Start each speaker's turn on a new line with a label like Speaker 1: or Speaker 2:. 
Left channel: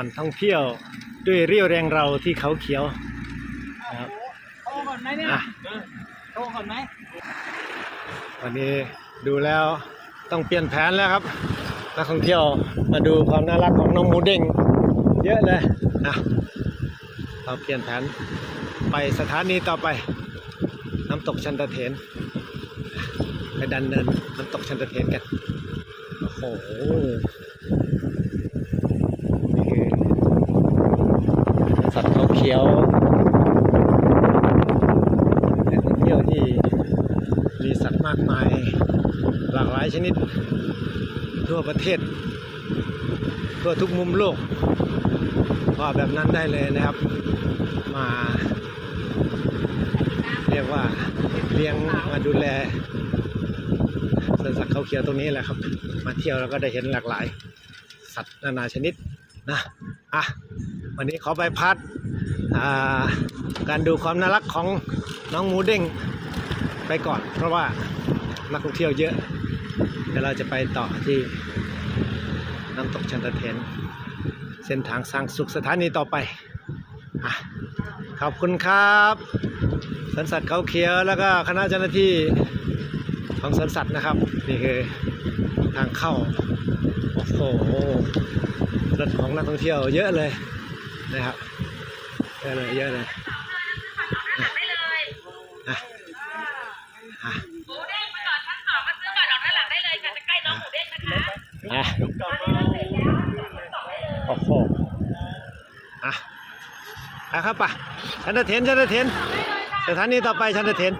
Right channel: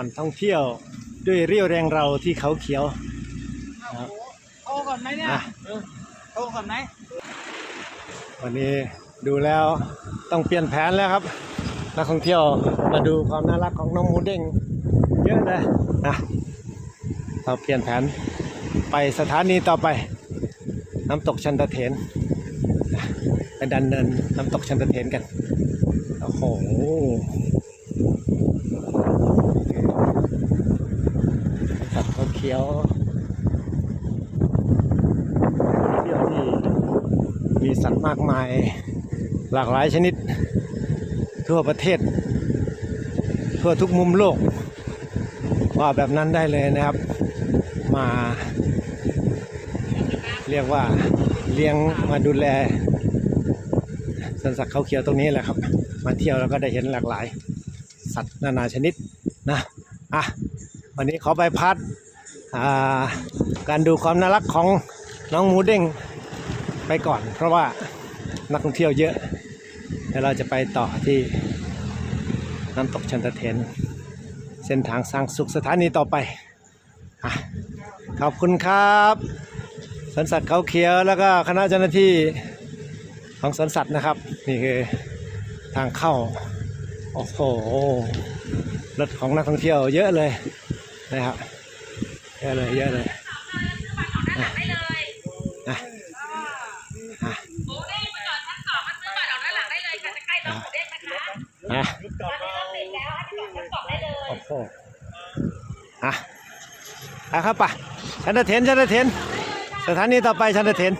Speaker 1: ปั่นท่องเที่ยวด้วยเรี่ยวแรงเราที่เขาเขียวนะครับ
Speaker 2: โทรก่อนไหมเนี่ย
Speaker 1: อะ
Speaker 2: โทรก่อนไหม
Speaker 1: วันนี้ดูแล้วต้องเปลี่ยนแผนแล้วครับ นักท่องเที่ยวมาดูความน่ารักของน้องหมูเด้งเยอะเลยอะเราเปลี่ยนแผนไปสถานีต่อไป น้ำตกชันตะเถนไปดันเนินน้ำตกชันตะเถนกัน โอ้โห นี่คือ สัตว์เขาเขียวแหล่งท่องเที่ยวที่มีสัตว์มากมายหลากหลายชนิด ทั่วประเทศ ทั่วทุกมุมโลกว่าแบบนั้นได้เลยนะครับ มา เรียกว่าเลี้ยงมาดูแลสวนสัตว์เขาเขียวตรงนี้แหละครับ มาเที่ยวแล้วก็ได้เห็นหลากหลาย สัตว์นานาชนิดนะอะ วันนี้ขอไปพัดาการดูความน่ารักของน้องหมูเด้งไปก่อน เพราะว่านักท่องเที่ยวเยอะเดี๋ยวเราจะไปต่อที่น้ำตกชันตะเทน เส้นทางสร้างสุขสถานีต่อไปอขอบคุณครับสวนสัตว์เขาเขียวแล้วก็คณะเจ้าหน้าที่ของสวนสัตว์นะครับ นี่คือทางเข้า โอ้โหรถของนักท่องเที่ยวเยอะเลย นะครับเยอะเลยเยอะเลยอะอะอะ
Speaker 3: หมูเด้งมาก่อนชั้นสองมาซื้อก่อนออกด้านหลังได้เลยค่ะจะใกล้น้องหมูเด้งนะคะ
Speaker 1: อะ
Speaker 3: ตอนนี้เราเสร็จแล้วชั้นสองได้เลย
Speaker 1: โอ้โหอะอะครับป่ะชันตะเทนชันตะเทนสถานีต่อไปชันตะเทน